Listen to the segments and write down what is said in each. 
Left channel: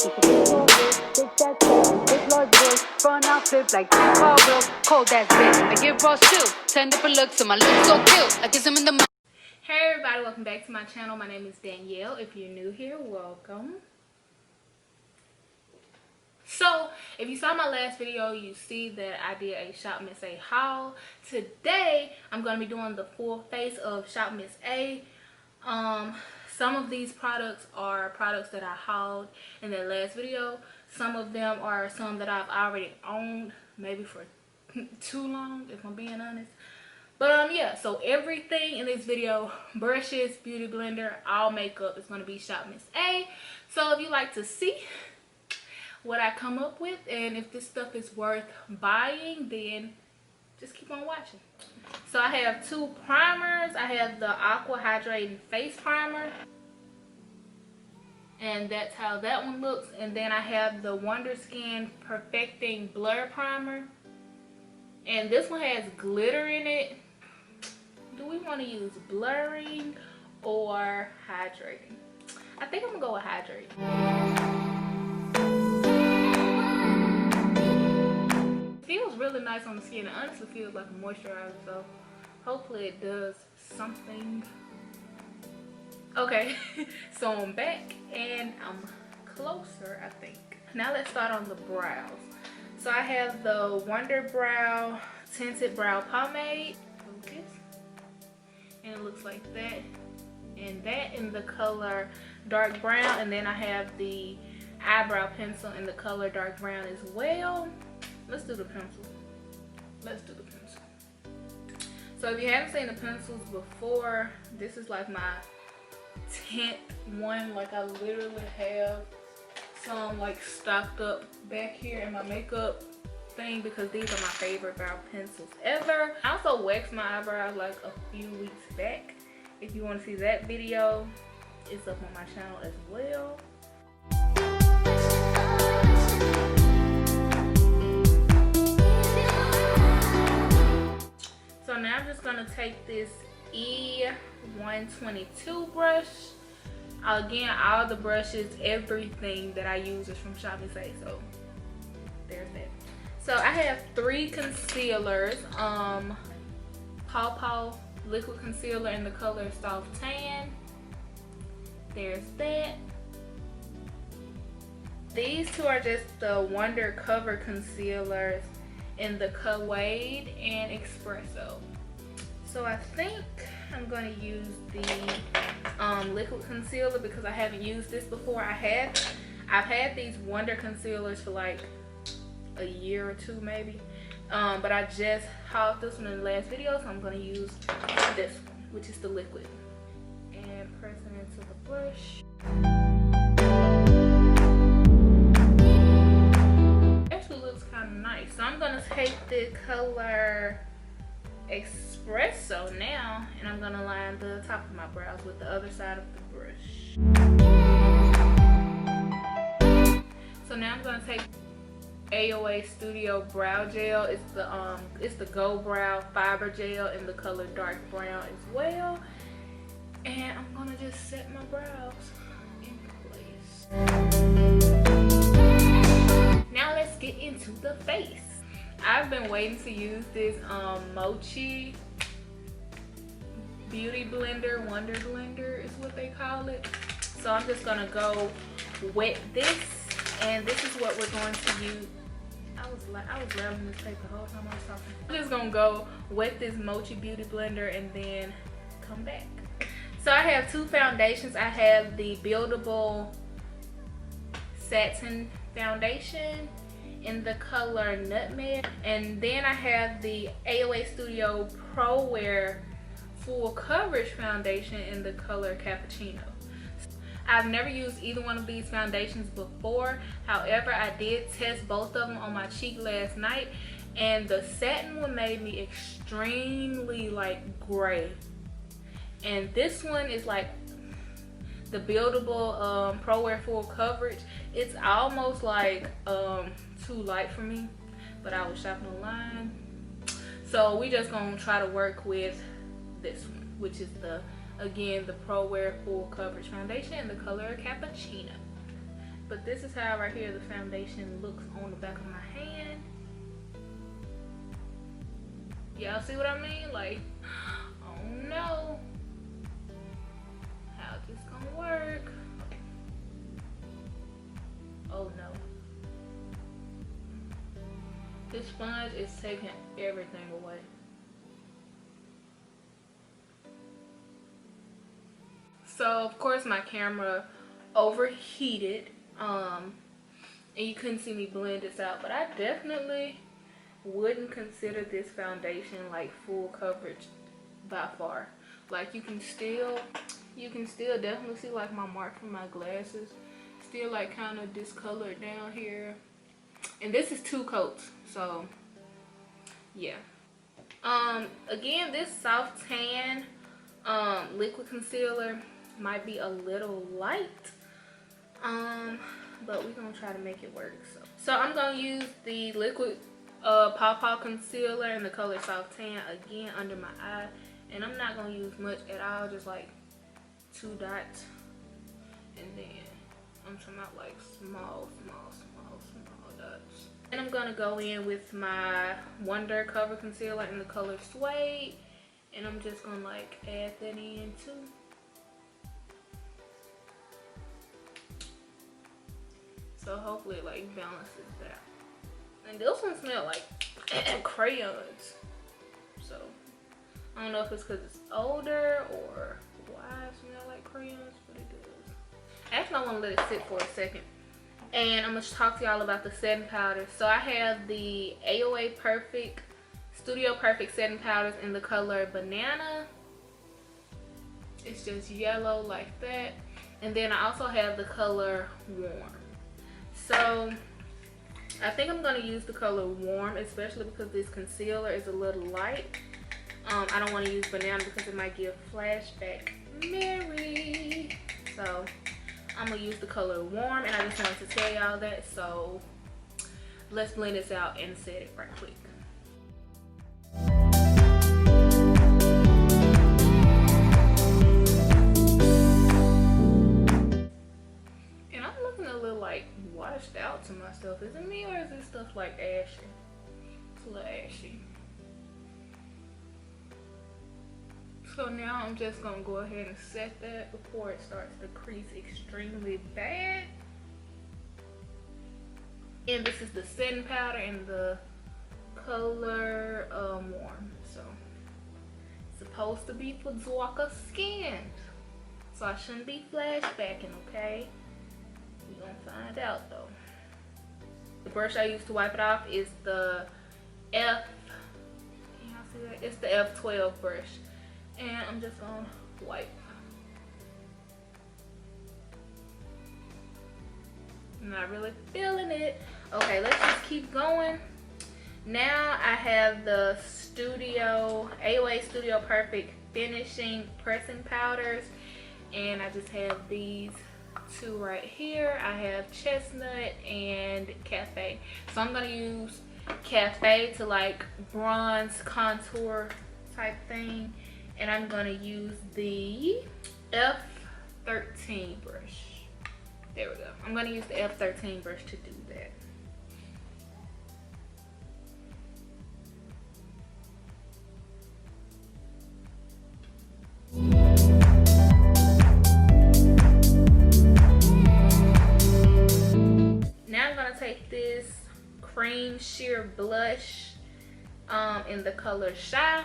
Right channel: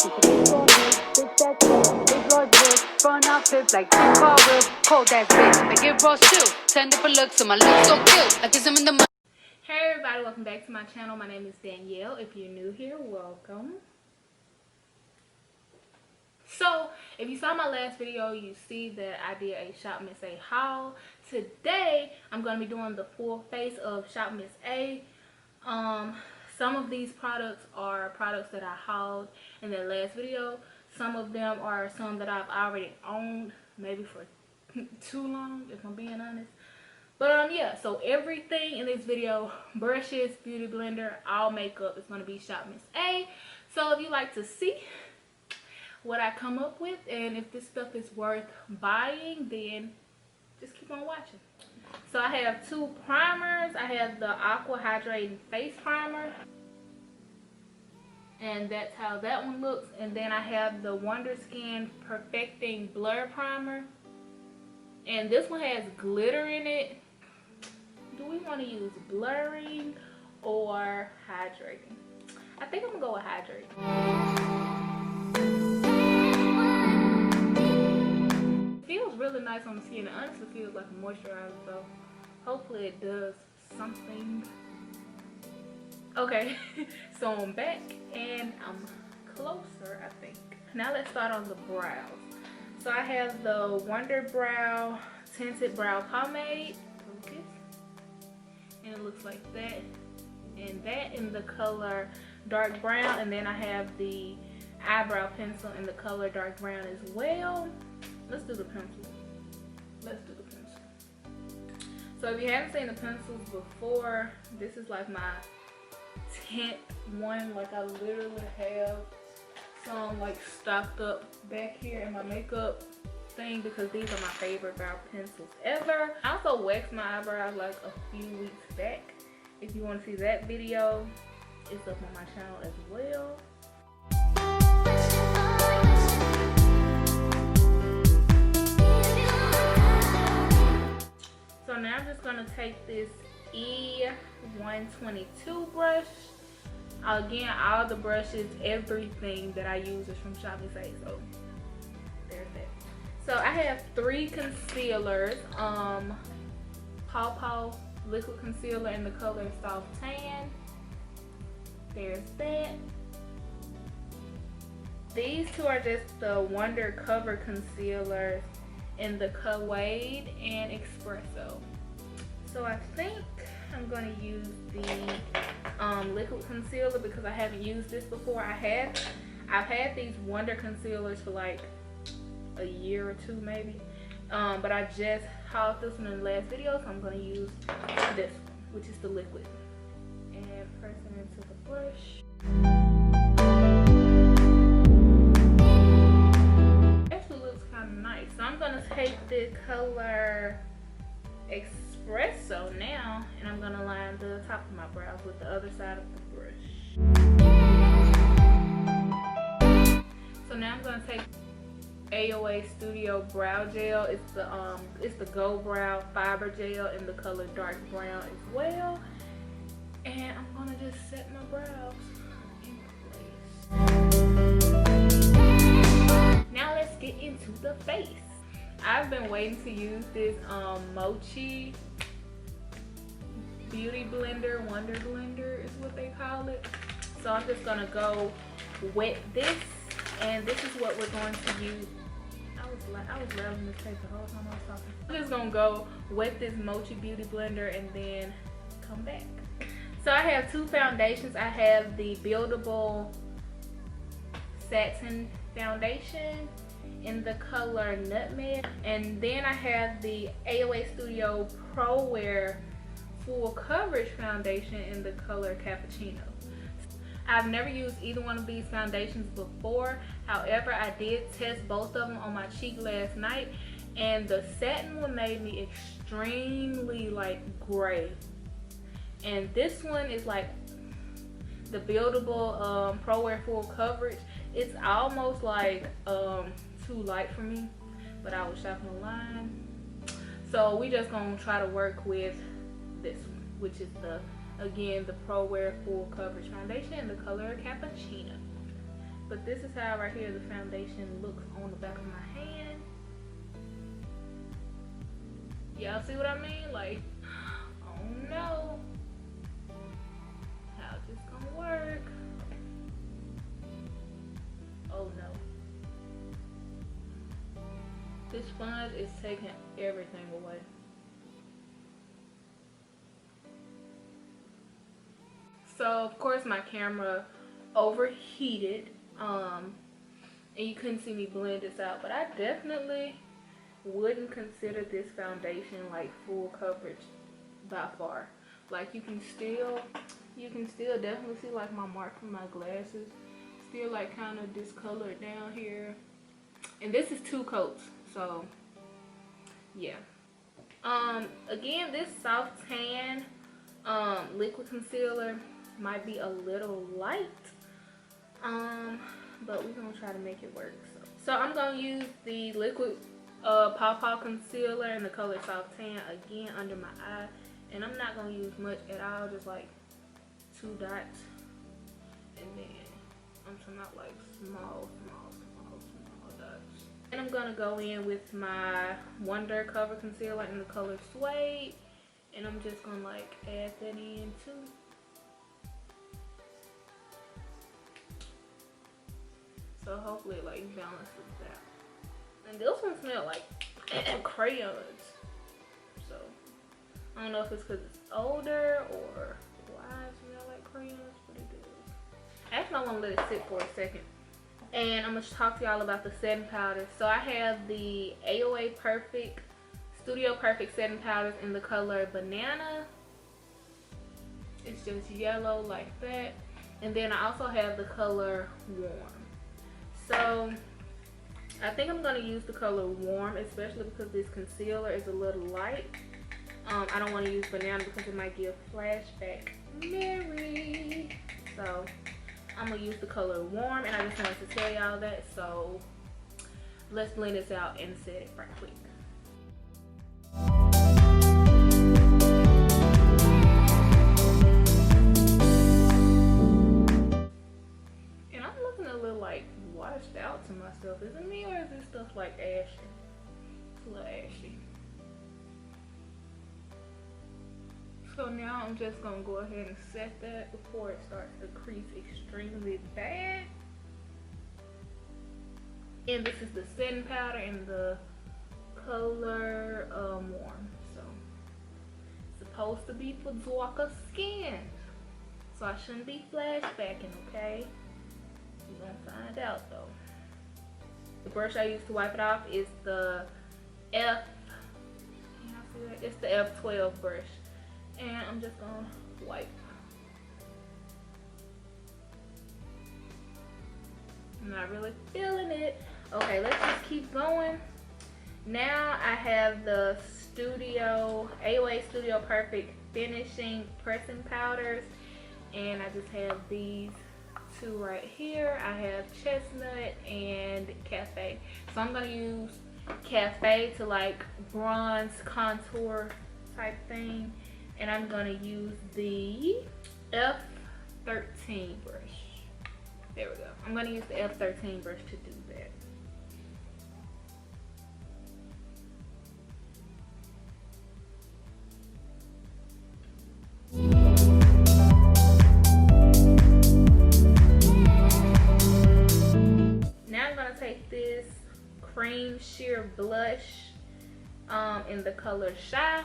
She's a big tall hill, big fat cat, big large bill, front out flip like 10 car wheels, cold ass bitch. I give raw chill, 10 different looks, and my looks so cute. I kiss him in the mouth. Hey everybody, welcome back to my channel. My name is Danielle. If you're new here, welcome. So, if you saw my last video, you see that I did a Shop Miss A haul. Today, I'm going to be doing the full face of Shop Miss A. Some of these products are products that I hauled in that last video. Some of them are some that I've already owned, maybe for too long, if I'm being honest. But yeah, so everything in this video, brushes, beauty blender, all makeup, is going to be Shop Miss A. So if you like to see what I come up with and if this stuff is worth buying, then just keep on watching. So I have two primers. I have the Aqua Hydrating Face Primer, and that's how that one looks. And then I have the Wonder Skin Perfecting Blur Primer, and this one has glitter in it. Do we want to use blurring or hydrating? I think I'm gonna go with hydrating. Feels really nice on the skin. It honestly feels like a moisturizer, so hopefully it does something. Okay, so I'm back and I'm closer, I think. Now let's start on the brows. So I have the Wonder Brow Tinted Brow Pomade. Focus. And it looks like that. And that in the color dark brown. And then I have the eyebrow pencil in the color dark brown as well. Let's do the pencil. Let's do the pencil. So if you haven't seen the pencils before, this is like my 10th one. Like I literally have some like stocked up back here in my makeup thing because these are my favorite brow pencils ever. I also waxed my eyebrows like a few weeks back. If you want to see that video, it's up on my channel as well. So now I'm just gonna take this E122 brush. Again, all the brushes, everything that I use is from Shop Miss A, so there's that. So I have three concealers. Paw Paw liquid concealer in the color Soft Tan. There's that. These two are just the Wonder Cover concealers in the Wade and Espresso. So I think I'm gonna use the liquid concealer because I haven't used this before. I've had these Wonder concealers for like a year or two maybe, but I just hauled this one in the last video, so I'm gonna use this one, which is the liquid, and press it into the brush. Actually looks kind of nice. So I'm gonna take the color Espresso now, and I'm gonna line the top of my brows with the other side of the brush. So now I'm gonna take AOA Studio Brow Gel. It's the Gold Brow Fiber Gel in the color dark brown as well, and I'm gonna just set my brows in place. Now let's get into the face. I've been waiting to use this Mochi Beauty Blender, Wonder Blender is what they call it. So I'm just gonna go wet this, and this is what we're going to use. I was grabbing this tape the whole time I was talking. I'm just gonna go wet this Mochi Beauty Blender and then come back. So I have two foundations. I have the Buildable Satin Foundation in the color Nutmeg, and then I have the AOA Studio Pro Wear Full Coverage Foundation in the color Cappuccino. I've never used either one of these foundations before. However, I did test both of them on my cheek last night, and the satin one made me extremely like gray, and this one is like the Buildable Pro Wear Full Coverage. It's almost like too light for me, but I was shopping online, so we just gonna try to work with this one, which is the, again, the Pro Wear Full Coverage Foundation in the color Cappuccino. But this is how right here the foundation looks on the back of my hand. Y'all see what I mean? Like, I don't know how this gonna work. Oh no. This sponge is taking everything away. So of course my camera overheated, and you couldn't see me blend this out, but I definitely wouldn't consider this foundation like full coverage by far. Like you can still definitely see like my mark from my glasses, still like kind of discolored down here. And this is 2 coats, so yeah. Again, this soft tan liquid concealer might be a little light, but we're gonna try to make it work. So I'm gonna use the liquid Paw concealer in the color soft tan again under my eye, and I'm not gonna use much at all, just like 2 dots, and then I'm talking about like small dots. And I'm gonna go in with my Wonder Cover Concealer in the color Suede, and I'm just gonna like add that in too. So hopefully it like balances that. And this one smells like crayons. So I don't know if it's because it's older or why it smells like crayons, but it does. Actually, I want to let it sit for a second. And I'm going to talk to y'all about the setting powder. So I have the AOA Studio Perfect setting powders in the color Banana. It's just yellow like that. And then I also have the color Warm. So I think I'm going to use the color Warm, especially because this concealer is a little light. I don't want to use Banana because it might give flashback Mary. So I'm gonna use the color Warm, and I just wanted to tell y'all that. So let's blend this out and set it right quick. And I'm looking a little like washed out to myself. Is it me or is this stuff like ashy? It's a little ashy. So now I'm just gonna go ahead and set that before it starts to crease extremely bad. And this is the setting powder in the color Warm. So it's supposed to be for darker skin. So I shouldn't be flashbacking, okay? We're gonna find out though. The brush I use to wipe it off is the F, can y'all see that? It's the F12 brush. And I'm just gonna wipe. I'm not really feeling it. Okay, let's just keep going. Now I have the AOA Studio Perfect Finishing Pressing Powders. And I just have these 2 right here. I have Chestnut and Cafe. So I'm gonna use Cafe to like bronze contour type thing. And I'm gonna use the F13 brush. There we go. I'm gonna use the F13 brush to do that. Now I'm gonna take this cream sheer blush in the color Shy.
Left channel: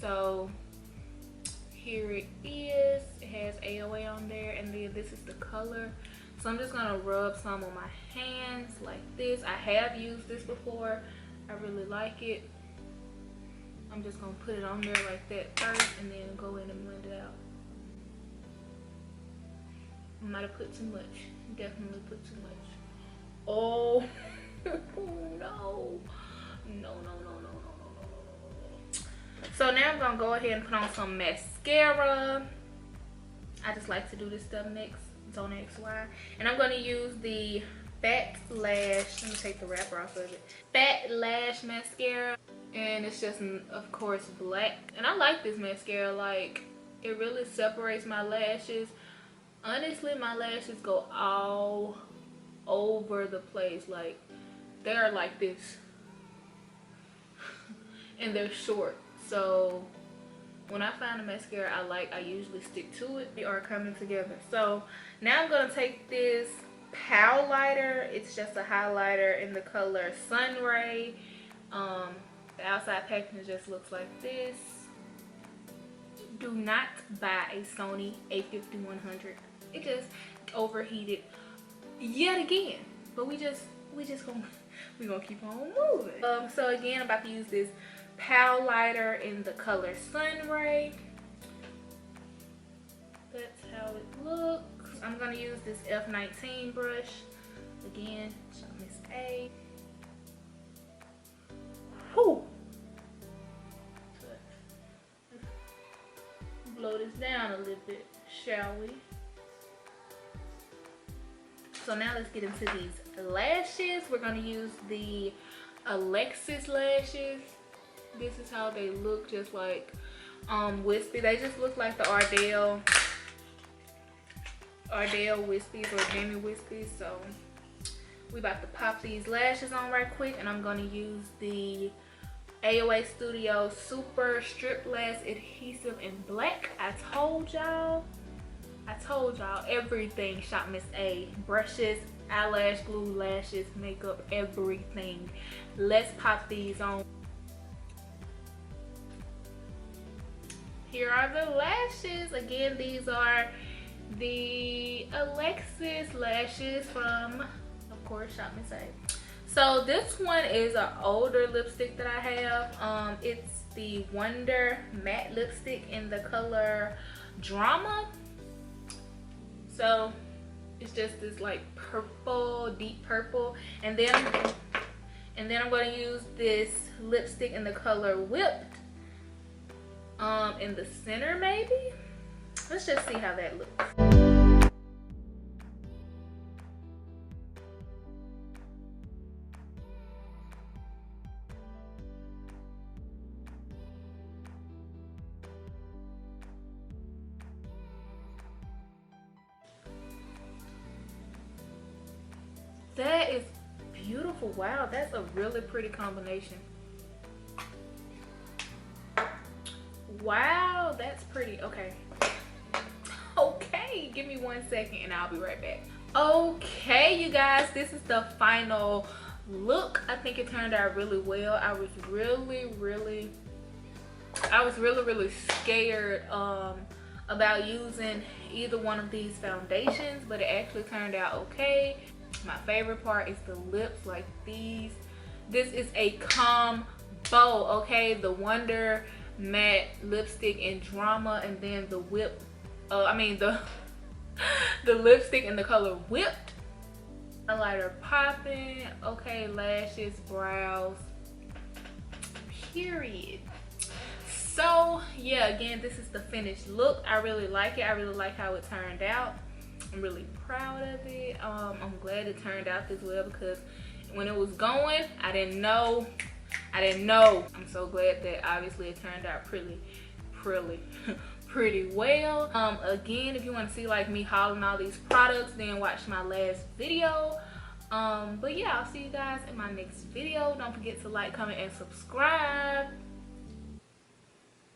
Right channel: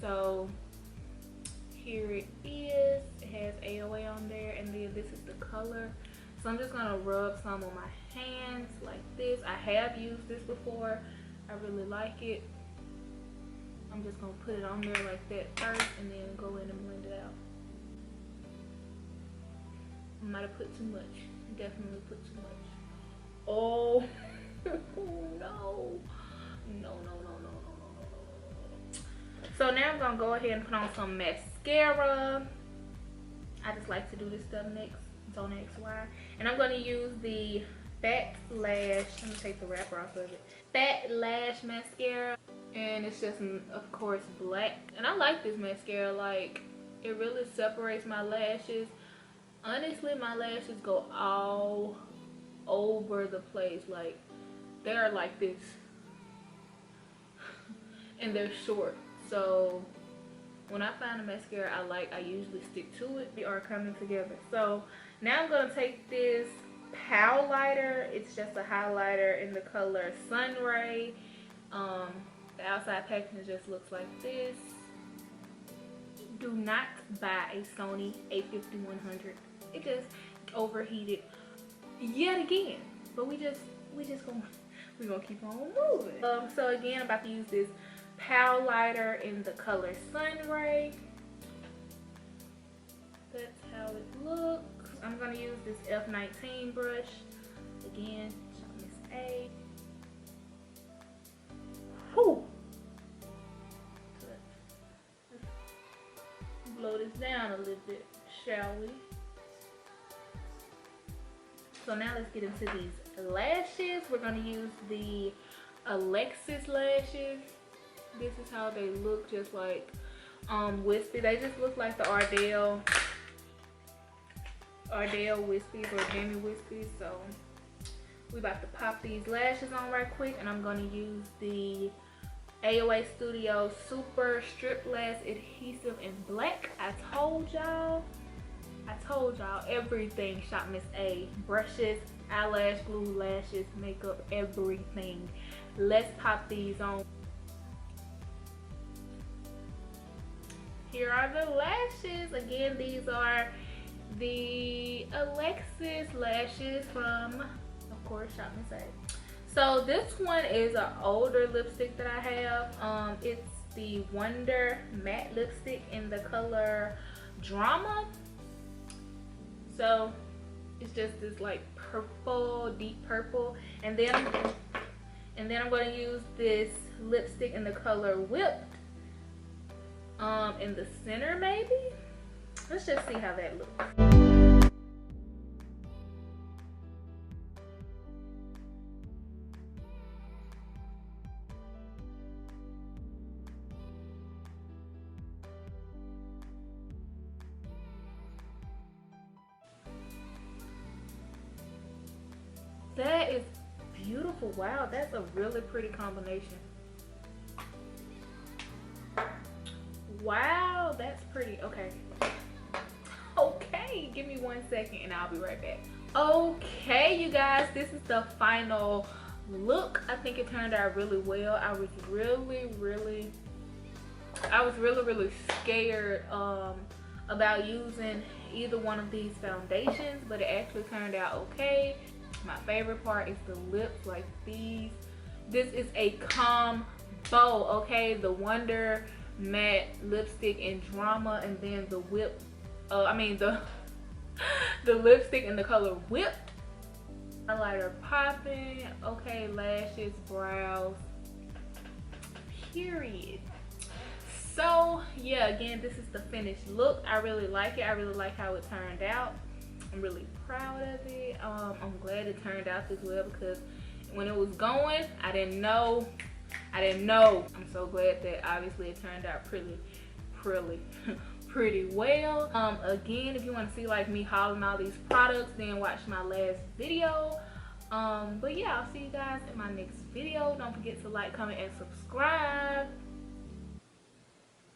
So here it is. It has AOA on there, and then this is the color. So I'm just gonna rub some on my hands like this. I have used this before. I really like it. I'm just gonna put it on there like that first, and then go in and blend it out. I might have put too much. Definitely put too much. Oh no. No. So now I'm gonna go ahead and put on some mascara. I just like to do this stuff next. Don't ask why. And I'm gonna use the Fat Lash. Let me take the wrapper off of it. Fat Lash mascara, and it's just, of course, black. And I like this mascara. Like, it really separates my lashes. Honestly, my lashes go all over the place. Like they're like this and they're short. So when I find a mascara I like, I usually stick to it. They are coming together. So now I'm gonna take this Pow lighter. It's just a highlighter in the color Sun Ray. The outside packaging just looks like this. Do not buy a Sony a5100. It just overheated yet again. But we gonna keep on moving. So again, I'm about to use this Pow lighter in the color Sun Ray. That's how it looks. I'm gonna use this F19 brush. Again, SHOPMISSA. Whew. Let's blow this down a little bit, shall we? So now let's get into these lashes. We're gonna use the Alexis lashes. This is how they look, just like wispy. They just look like the Ardell wispies or Jamie wispies. So we about to pop these lashes on right quick, and I'm gonna use the AOA Studio Super Strip Lash Adhesive in black. I told y'all everything SHOPMISSA. Brushes, eyelash glue, lashes, makeup, everything. Let's pop these on. Here are the lashes. Again, these are the Alexis lashes from, of course, SHOPMISSA. So this one is an older lipstick that I have. It's the Wonder Matte Lipstick in the color Drama. So it's just this like purple, deep purple. And then I'm going to use this lipstick in the color Whipped. In the center maybe. Let's just see how that looks. That is beautiful. Wow, that's a really pretty combination. Wow, that's pretty. Okay, give me 1 second and I'll be right back. Okay, you guys, this is the final look. I think it turned out really well. I was really scared about using either one of these foundations, but it actually turned out okay. My favorite part is the lips, like these. This is a combo, okay? The Wonder Matte Lipstick in Drama, and then the Whipped, the lipstick in the color Whipped. Highlighter popping, okay, lashes, brows, period. So yeah, again, this is the finished look. I really like it. I really like how it turned out. I'm really proud of it. I'm glad it turned out this well, because when it was going, I didn't know. I'm so glad that obviously it turned out pretty well. Again, if you want to see like me hauling all these products, then watch my last video. But yeah, I'll see you guys in my next video. Don't forget to like, comment, and subscribe.